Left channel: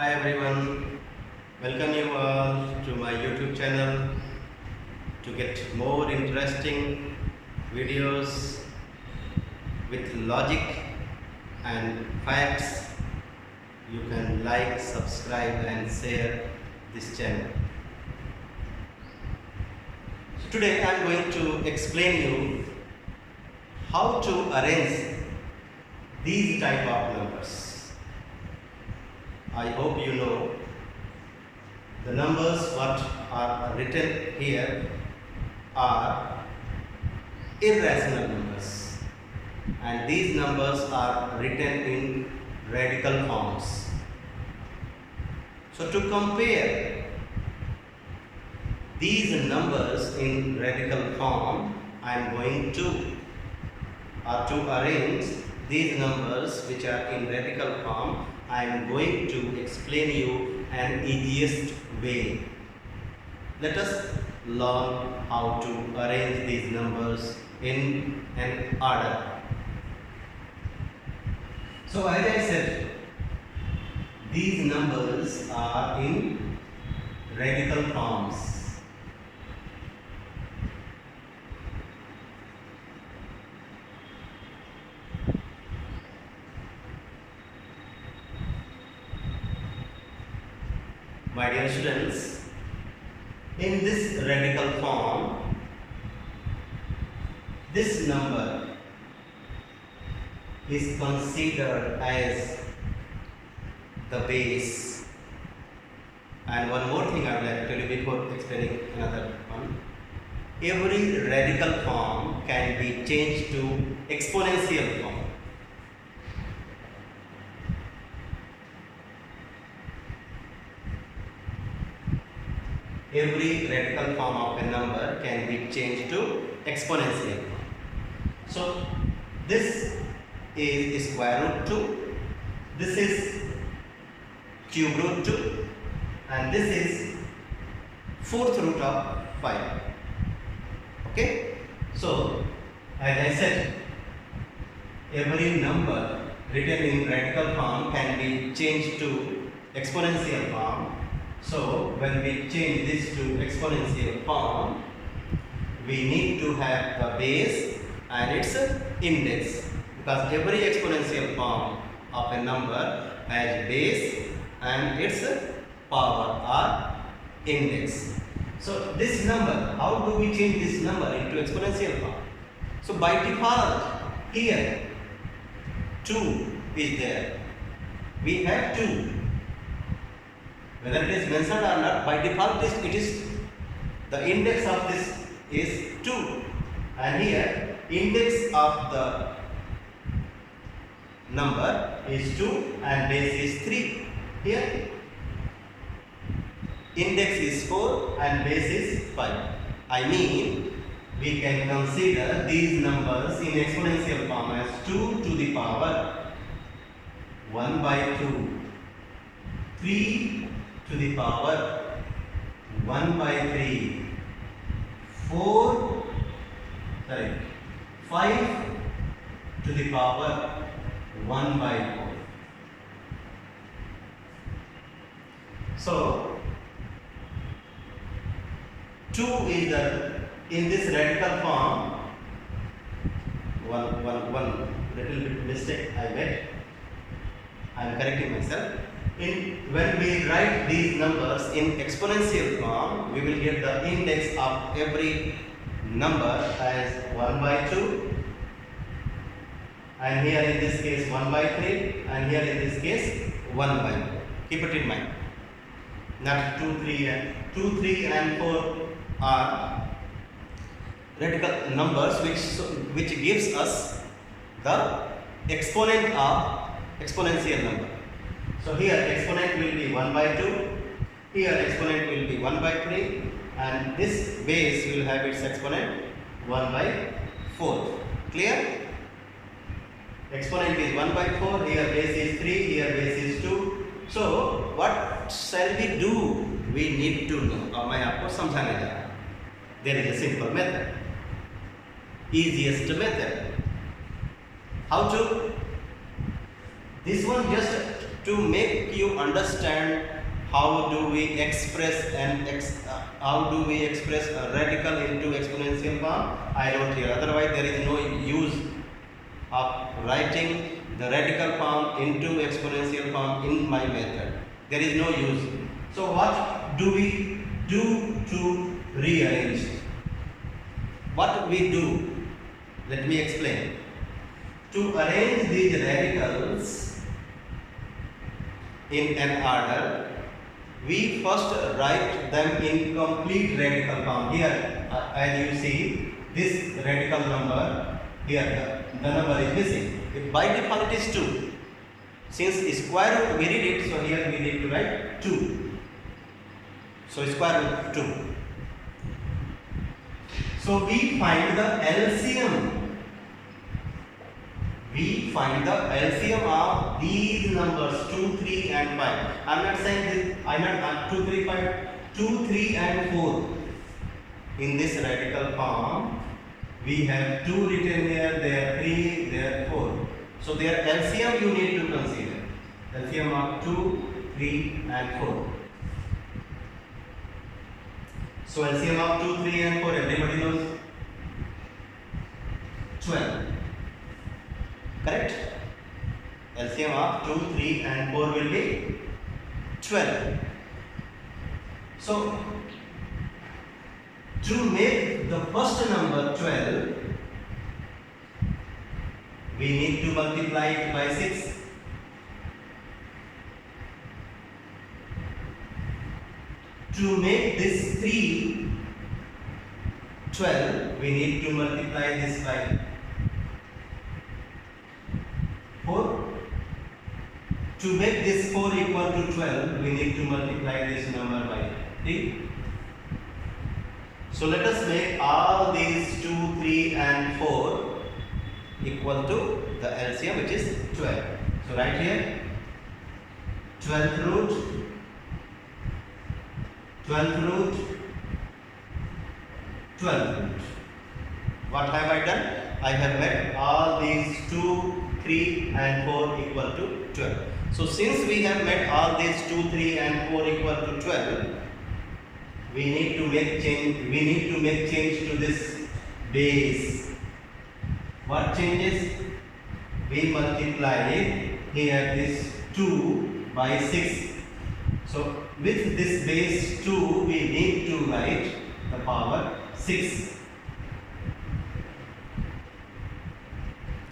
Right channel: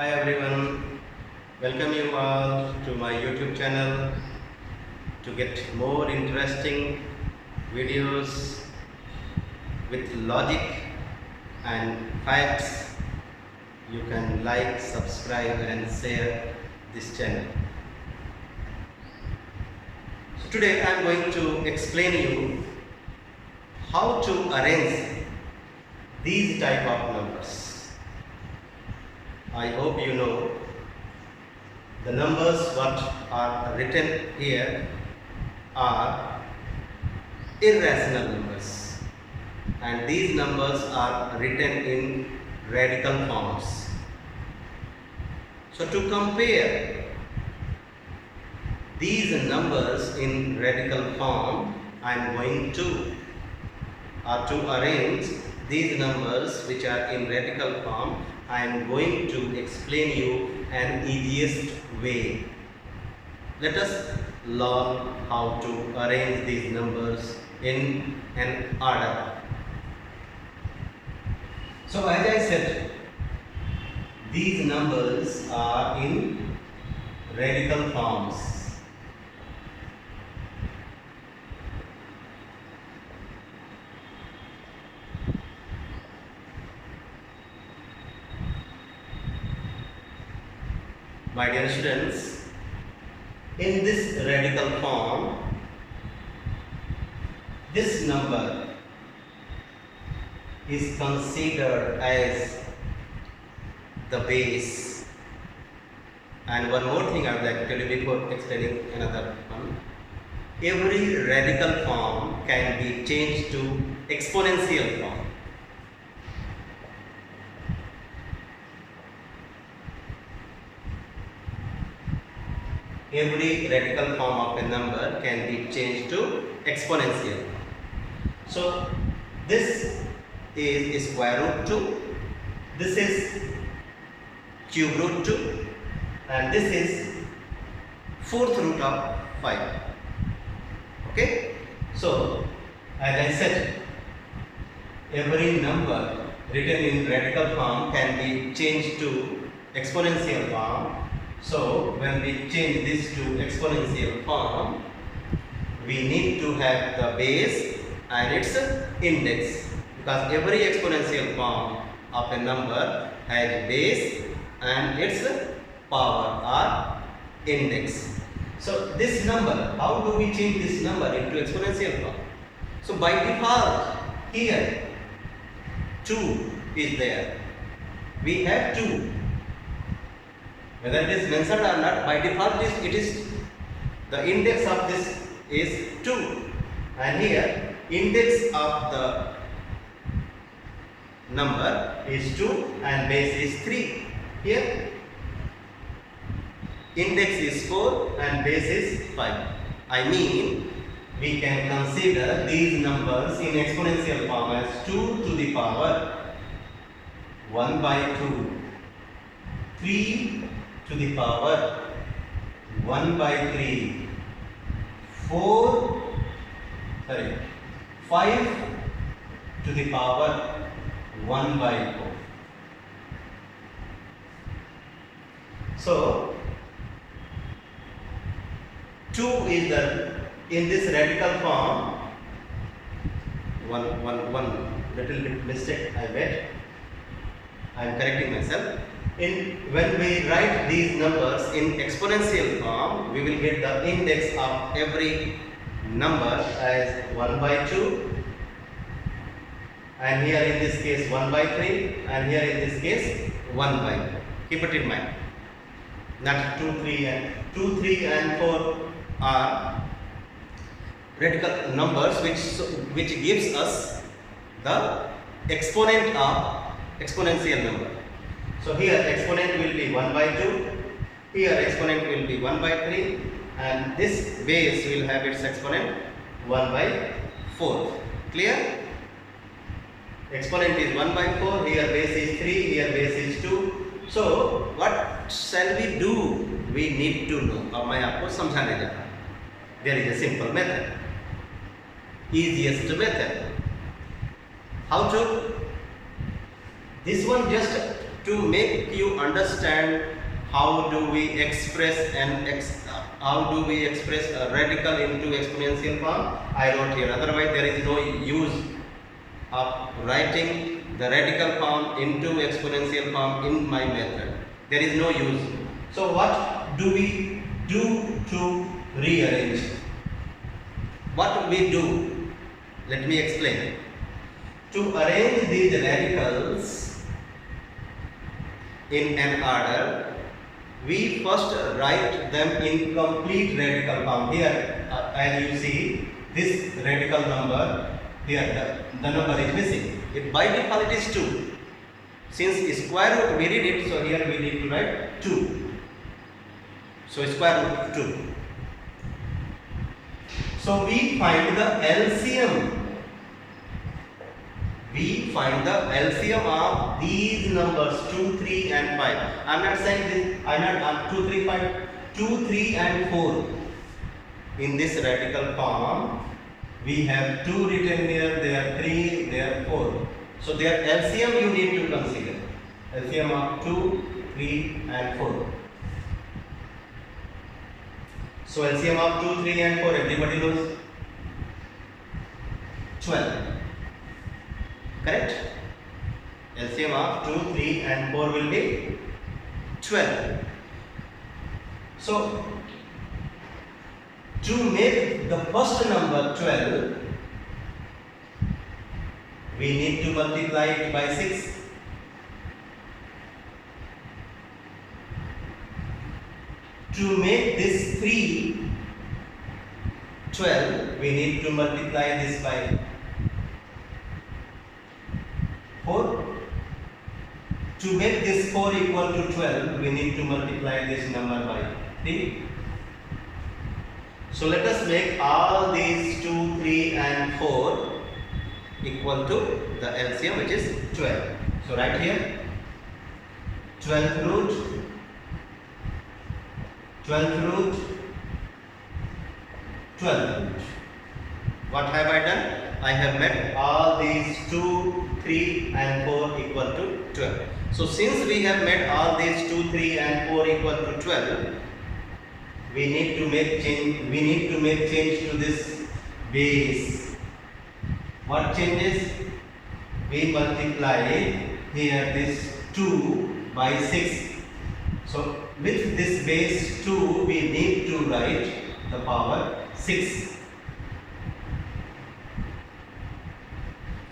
Hi everyone, welcome you all to my YouTube channel to get more interesting videos with logic and facts. You can like, subscribe and share this channel. So today I am going to explain you how to arrange these type of numbers. I hope you know the numbers what are written here are irrational numbers, and these numbers are written in radical forms. So to compare these numbers in radical form, I am going to arrange these numbers which are in radical form. I am going to explain you an easiest way. Let us learn how to arrange these numbers in an order. So as I said, these numbers are in radical forms. My dear students, in this radical form, this number is considered as the base. And one more thing I would like to tell you before explaining another one. Every radical form can be changed to exponential form. Every radical form of a number can be changed to exponential form. So this is square root 2, this is cube root 2, and this is fourth root of 5. Okay, so as I said, every number written in radical form can be changed to exponential form. So when we change this to exponential form, we need to have the base and its index, because every exponential form of a number has base and its power or index. So this number, how do we change this number into exponential form? So by default here 2 is there. We have 2. Whether it is mentioned or not, by default it is the index of this is 2, and here index of the number is 2 and base is 3. Here index is 4 and base is 5. I mean, we can consider these numbers in exponential form as 2 to the power 1 by 2, 3 to the power 1 by 3, 5 to the power 1 by 4. So 2 is in this radical form. One little bit mistake I made. I am correcting myself. When we write these numbers in exponential form, we will get the index of every number as 1 by 2, and here in this case 1 by 3, and here in this case 1 by 4. Keep it in mind. Not 2, 3 and 4 are radical numbers which gives us the exponent of exponential number. So here exponent will be 1 by 2, here exponent will be 1 by 3, and this base will have its exponent 1 by 4. Clear? Exponent is 1 by 4, here base is 3, here base is 2. So what shall we do? We need to know. अब मैं आपको समझाने जा रहा हूँ. There is a simple method, easiest method. How to? This one just to make you understand how do we express a radical into exponential form, I wrote here. Otherwise, there is no use of writing the radical form into exponential form in my method. There is no use. So what do we do to rearrange? What we do? Let me explain. To arrange these radicals in an order, we first write them in complete radical form. Here, as you see, this radical number, here the number is missing. By default it is 2. Since square root we read it, so here we need to write 2. So square root 2. So we find the LCM. We find the LCM of these numbers 2, 3 and 5. I am not saying this, I am not 2, 3, 5, 2, 3 and 4. In this radical form, we have 2 written here, there 3, there 4. So their LCM you need to consider. LCM of 2, 3 and 4. So LCM of 2, 3 and 4, everybody knows? 12. Correct? LCM of 2, 3 and 4 will be 12. So to make the first number 12, we need to multiply it by 6. To make this 3 12, we need to multiply this by 4. To make this 4 equal to 12, we need to multiply this number by 3. So let us make all these 2, 3 and 4 equal to the LCM, which is 12. So right here, 12th root, 12th root, 12th root. What have I done? I have made all these 2, 3 and 4 equal to 12. So since we have made all these 2, 3 and 4 equal to 12, we need to make change to this base. What changes? We multiply here this 2 by 6. So with this base 2, we need to write the power 6.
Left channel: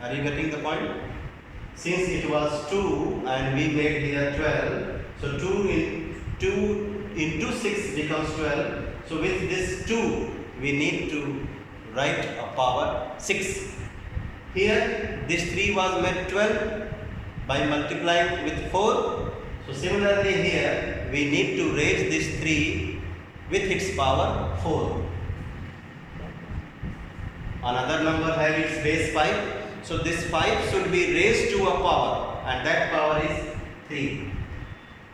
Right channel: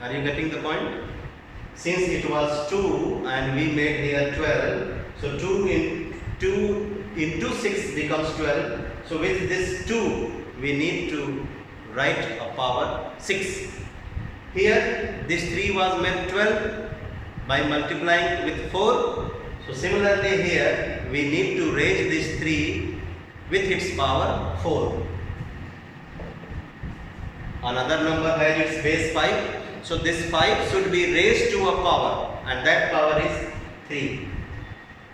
Are you getting the point? Since it was 2 and we made here 12, so 2 into 6 becomes 12. So with this 2, we need to write a power 6. Here this 3 was made 12 by multiplying with 4. So similarly here we need to raise this 3 with its power 4. Another number has its base 5. So this 5 should be raised to a power, and that power is 3.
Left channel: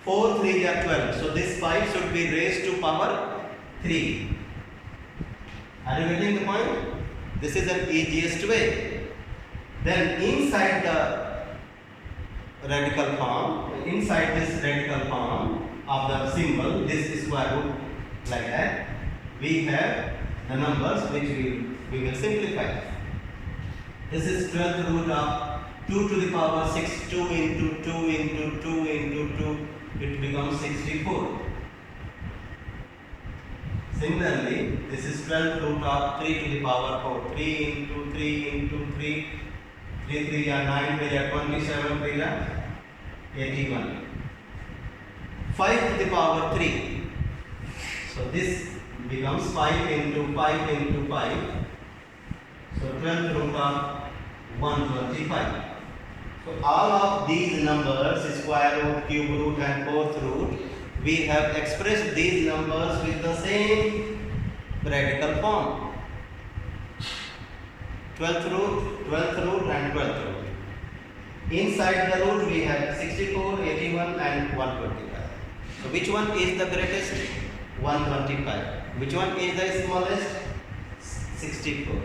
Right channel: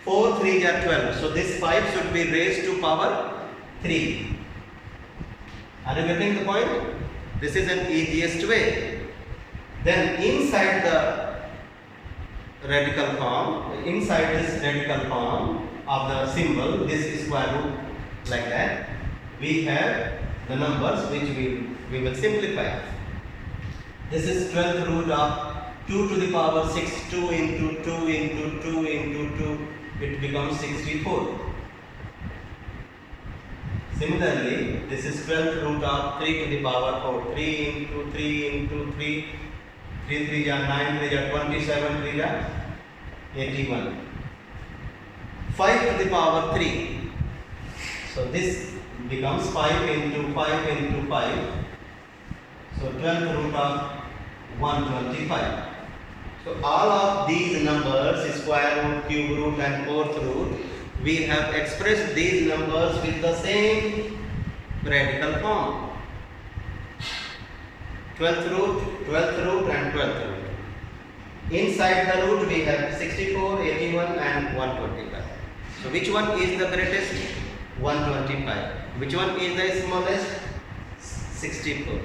4 3 are 12. So this 5 should be raised to power 3. Are you getting the point? This is an easiest way. Then inside the radical form, inside this radical form of the symbol, this square root like that, we have the numbers which we will simplify. This is 12th root of 2 to the power 6, 2 into 2 into 2 into 2, it becomes 64. Similarly, this is 12th root of 3 to the power 4, 3 into 3 into 3, 3 3 are 9, 3 are 27, 3 are 81. 5 to the power 3. So this becomes 5 into 5 into 5. So 12th root of 125. So all of these numbers, square root, cube root and fourth root, we have expressed these numbers with the same radical form. 12th root and 12th root. Inside the root we have 64, 81 and 125. So which one is the greatest? 125. Which one is the smallest? 64.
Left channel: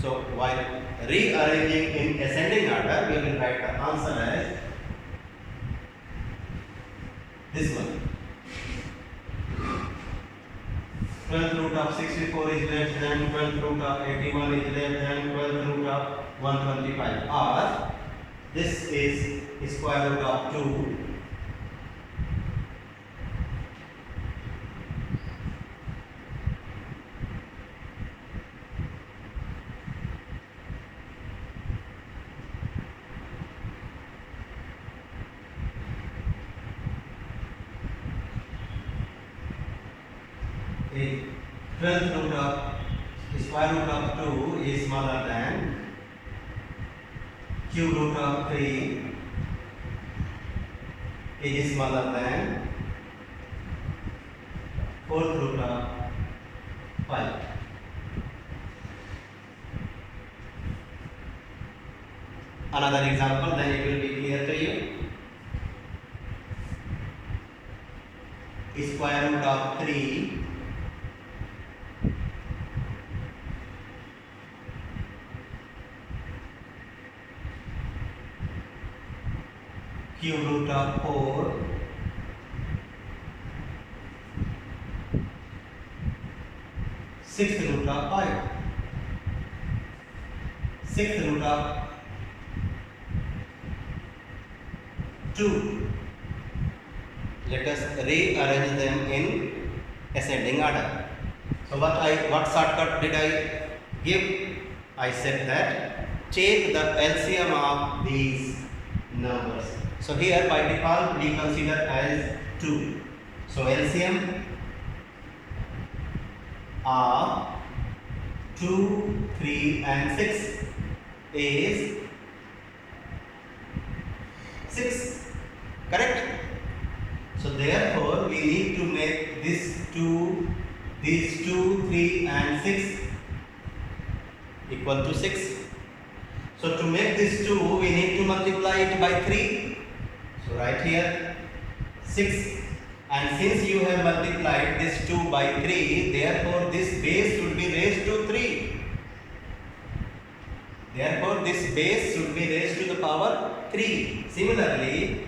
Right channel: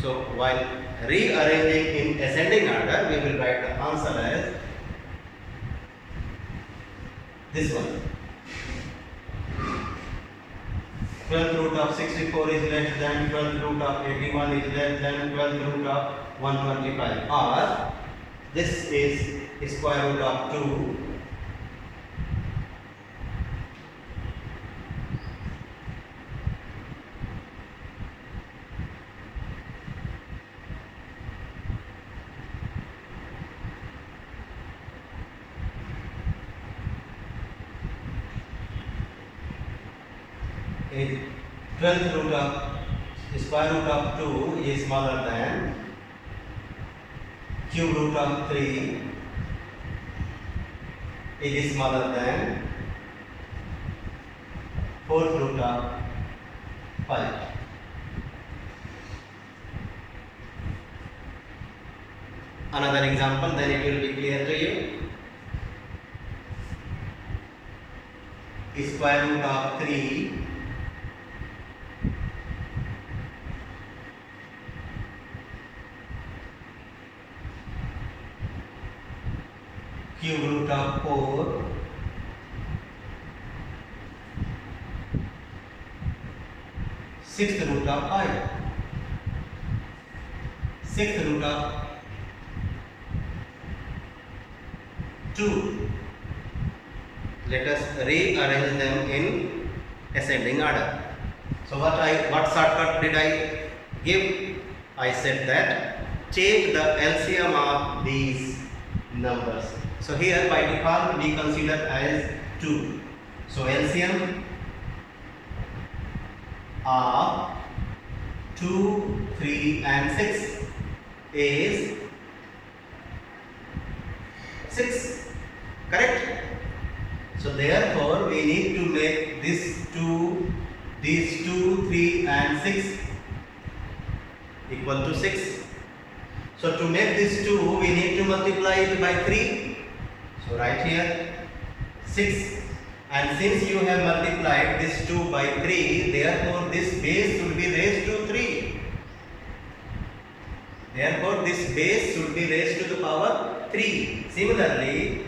So while rearranging in ascending order, we will write the answer as this one. 12th root of 64 is less than 12th root of 81 is less than 12th root of 125, or this is square root of 2 is 12th root of square root of 2 is smaller than cube root of 3 is smaller than 4th root of 5. Another example, then it will be clear to you. Square root of 3 cube root of 4 sixth root of 5 sixth root of 2. Let us rearrange them in ascending order. So what shortcut did I give? I said that take the LCM of these numbers. So here by default we consider as 2. So LCM of 2, 3 and 6 is 6. Correct? So therefore we need to make these 2, 3 and 6 equal to 6. So to make this 2 we need to multiply it by 3. So right here 6, and since you have multiplied this 2 by 3, therefore this base should be raised to 3. Therefore this base should be raised to the power 3. Similarly,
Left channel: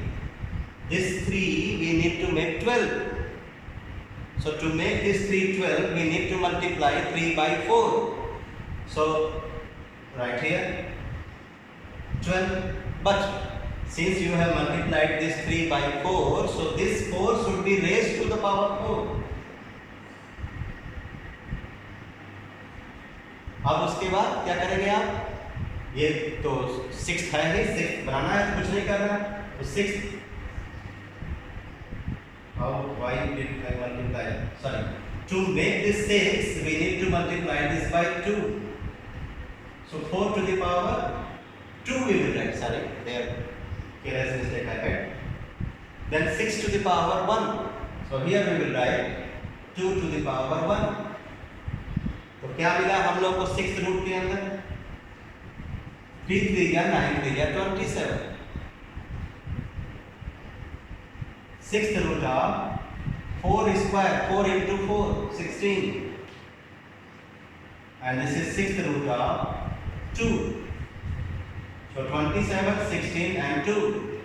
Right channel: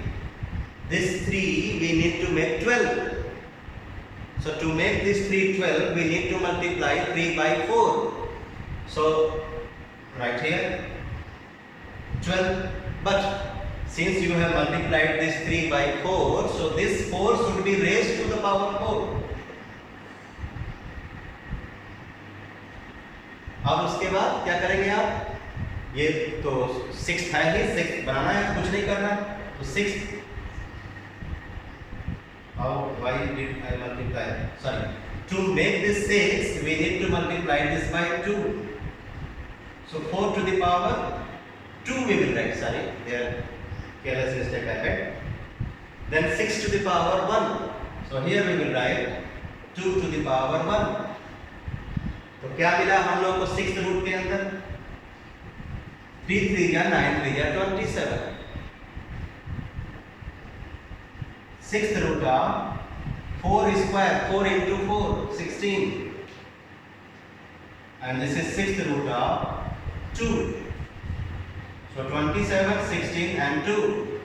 this 3 we need to make 12. So to make this 3 12, we need to multiply 3 by 4. So right here 12, but since you have multiplied this 3 by 4, so this 4 should be raised to the power 4. अब उसके बाद क्या करेंगे आप? ये तो 6 है ही, 6 बनाना है तो कुछ नहीं करना, तो 6 how why did I multiply? Sorry, to make this 6 we need to multiply this by 2. So 4 to the power 2 we will write. Sorry, here careless mistake I had. Then 6 to the power 1. So here we will write 2 to the power 1. तो क्या मिला हम लोग को 6th root के अंदर? 3 3 या 9 3 या 27. 6th root of 4 square, 4 into 4, 16. And this is 6th root of 2. So 27, 16 and 2.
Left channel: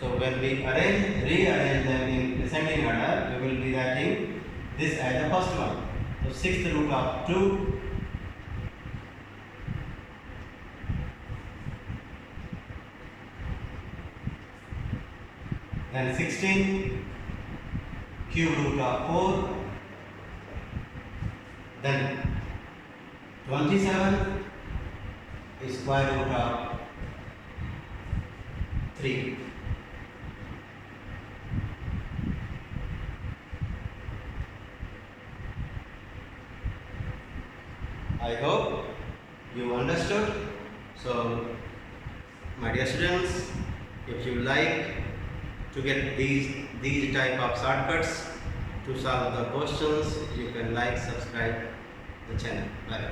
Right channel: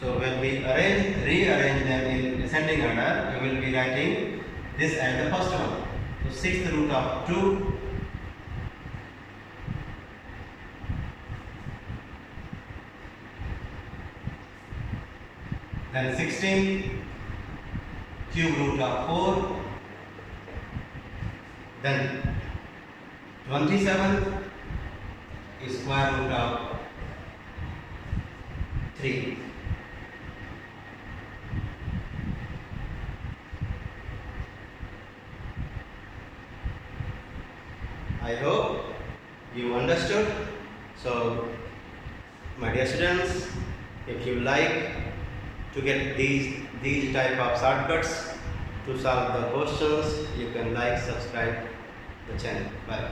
So when we rearrange them in descending order, we will be writing this as the first one. So 6th root of 2. Then 16 cube root of 4. Then 27 is square root of 3. I hope you understood. So my dear students, if you like to get these type of shortcuts to solve the questions, you can like, subscribe the channel. Bye.